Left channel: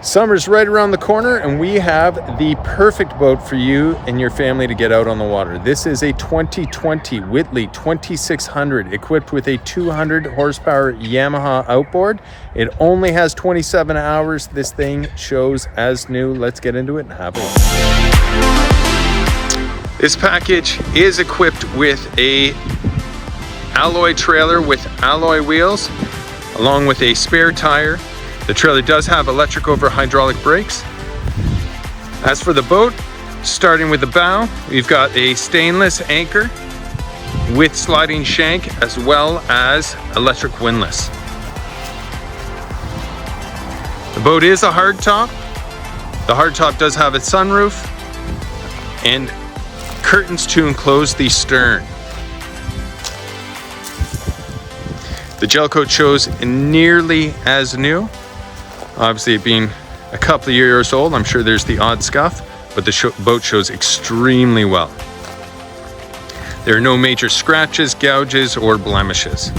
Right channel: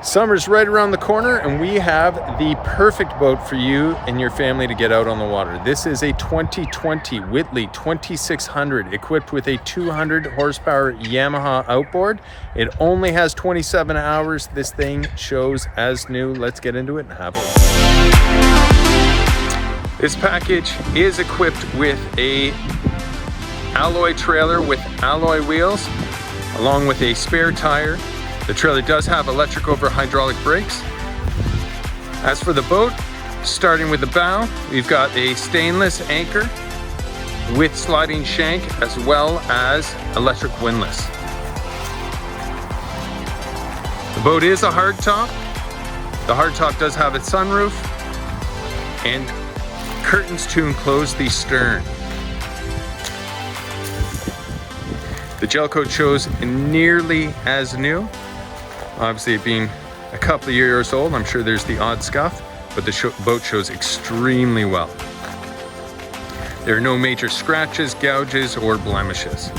Summer's right around the corner and we have the perfect boat for you and your family to get out on the water. This is a 2020 Whittley 2600 equipped with a 200 horsepower Yamaha outboard. It only has 27 hours. This thing shows as new. Let's get into it and have a look. This package is equipped with a alloy trailer with alloy wheels along with a spare tire. The trailer does have electric over hydraulic brakes. As for the boat, starting with the bow, we've got a stainless anchor with sliding shank as well as electric windlass. The boat is a hardtop. The hardtop does have a sunroof and curtains to enclose the stern. The gel coat shows nearly as new. Obviously, it being a couple of years old, I'm sure there's the odd scuff, but the boat shows extremely well. There are no major scratches, gouges, or blemishes.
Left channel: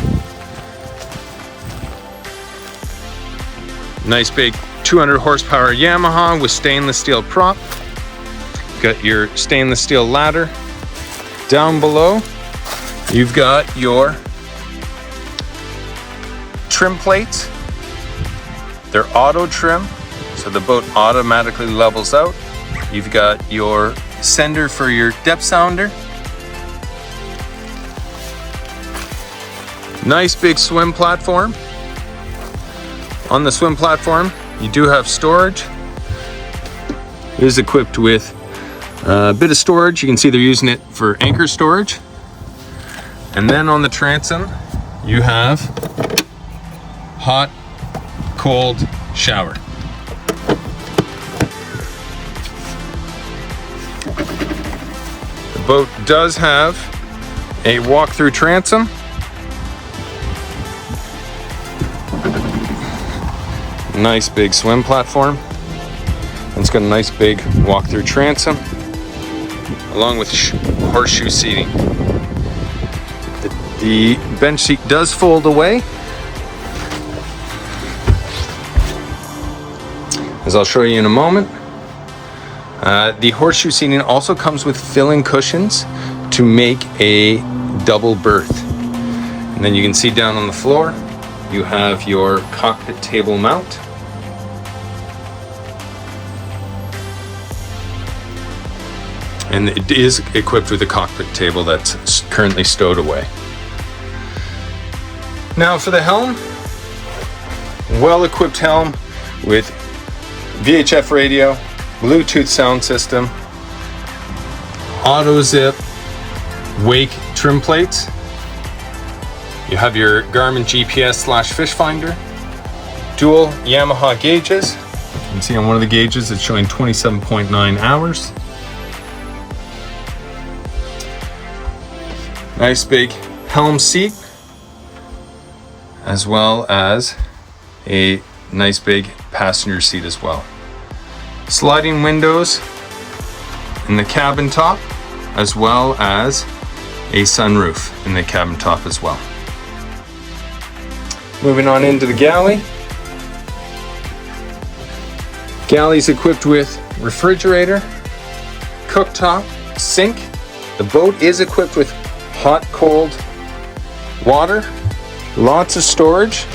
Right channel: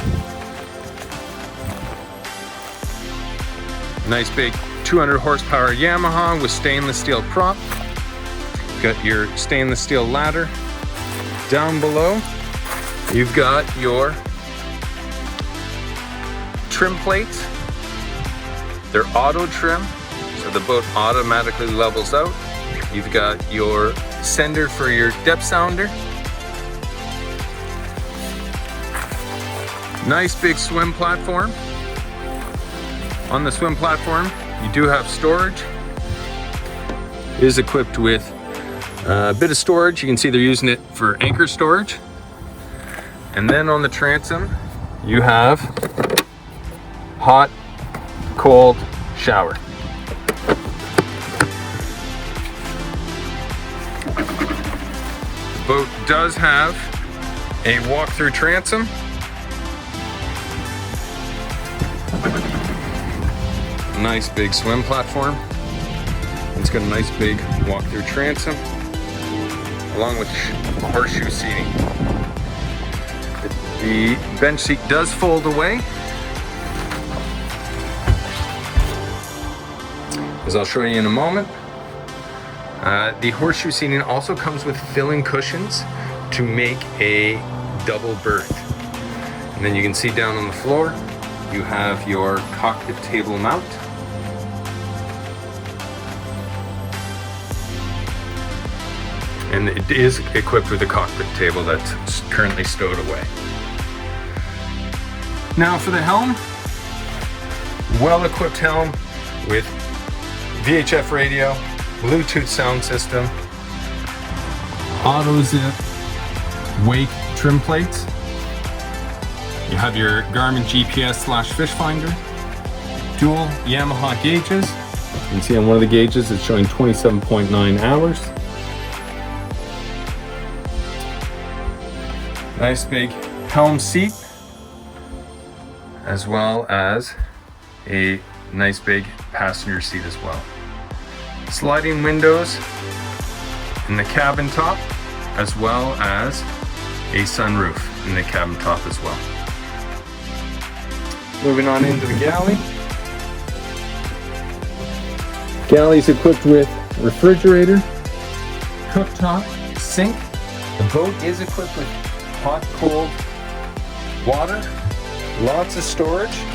Nice big 200 horsepower Yamaha with stainless steel prop. Got your stainless steel ladder. Down below, you've got your trim plates. They're auto trim, so the boat automatically levels out. You've got your sender for your depth sounder. Nice big swim platform. On the swim platform, you do have storage. It is equipped with a bit of storage. You can see they're using it for anchor storage. And then on the transom, you have hot, cold shower. The boat does have a walk-through transom. Nice big swim platform. It's got a nice big walk-through transom along with horseshoe seating. The bench seat does fold away, as I'll show you in a moment. The horseshoe seating also comes with filling cushions to make a double berth. And then you can see down on the floor, you have your cockpit table mount. And it is equipped with a cockpit table that's currently stowed away. Now for the helm, well-equipped helm with VHF radio, Bluetooth sound system, auto zip, wake trim plates. You have your Garmin GPS/fish finder, dual Yamaha gauges. You can see on one of the gauges it's showing 27.9 hours. Nice big helm seat, as well as a nice big passenger seat as well. Sliding windows in the cabin top, as well as a sunroof in the cabin top as well. Moving on into the galley. Galley's equipped with refrigerator, cooktop, sink. The boat is equipped with hot, cold water, lots of storage.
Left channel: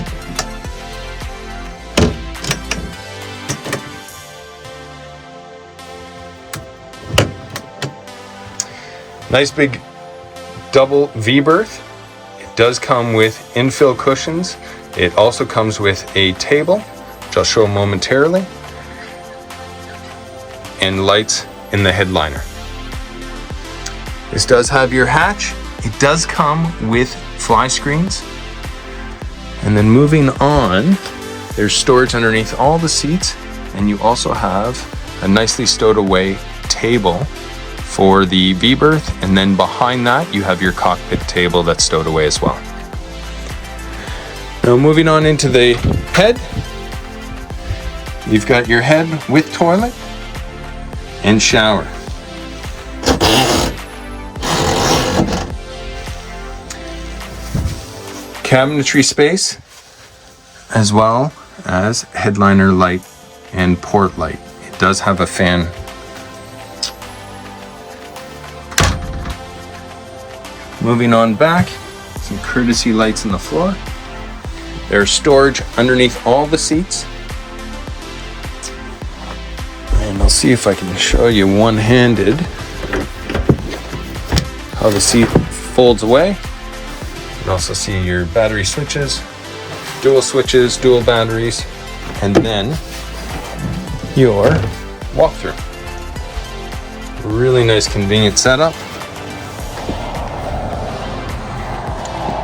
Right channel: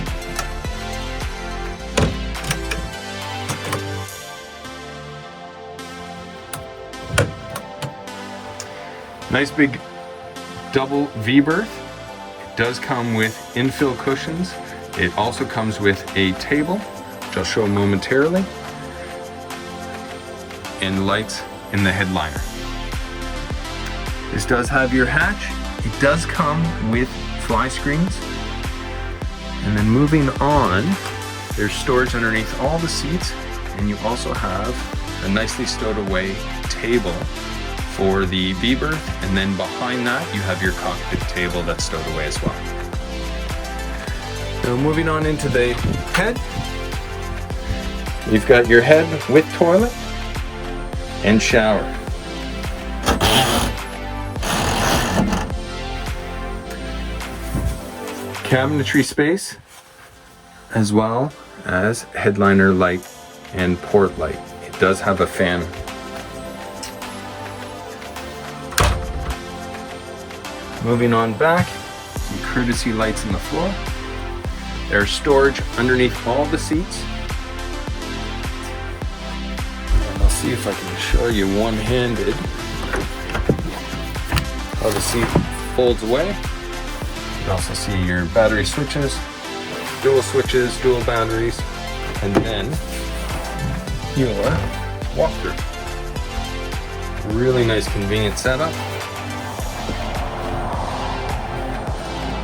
Nice big double V berth. It does come with infill cushions. It also comes with a table, which I'll show momentarily, and lights in the headliner. This does have your hatch. It does come with fly screens. And then moving on, there's storage underneath all the seats, and you also have a nicely stowed away table for the V berth, and then behind that you have your cockpit table that's stowed away as well. Now moving on into the head, you've got your head with toilet and shower. Cabinetry space, as well as headliner light and port light. It does have a fan. Moving on back, some courtesy lights on the floor. There's storage underneath all the seats. And I'll see if I can show you one-handed how the seat folds away. You can also see your battery switches, dual batteries, and then your walkthrough. Really nice, convenient setup.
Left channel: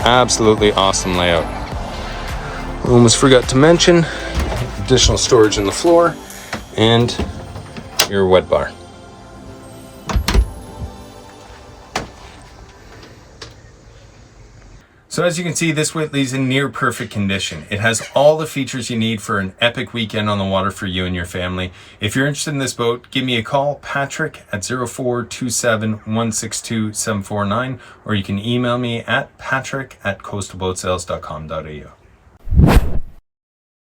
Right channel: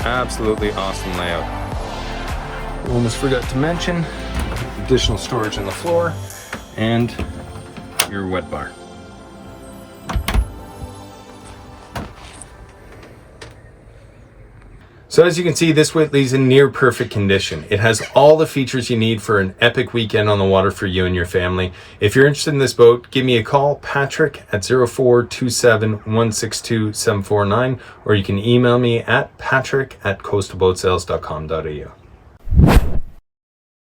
Absolutely awesome layout. Almost forgot to mention additional storage on the floor and your wet bar. So as you can see, this Whittley's in near perfect condition. It has all the features you need for an epic weekend on the water for you and your family. If you're interested in this boat, give me a call, Patrick at 0427162749, or you can email me at patrick@coastalboatsales.com.au.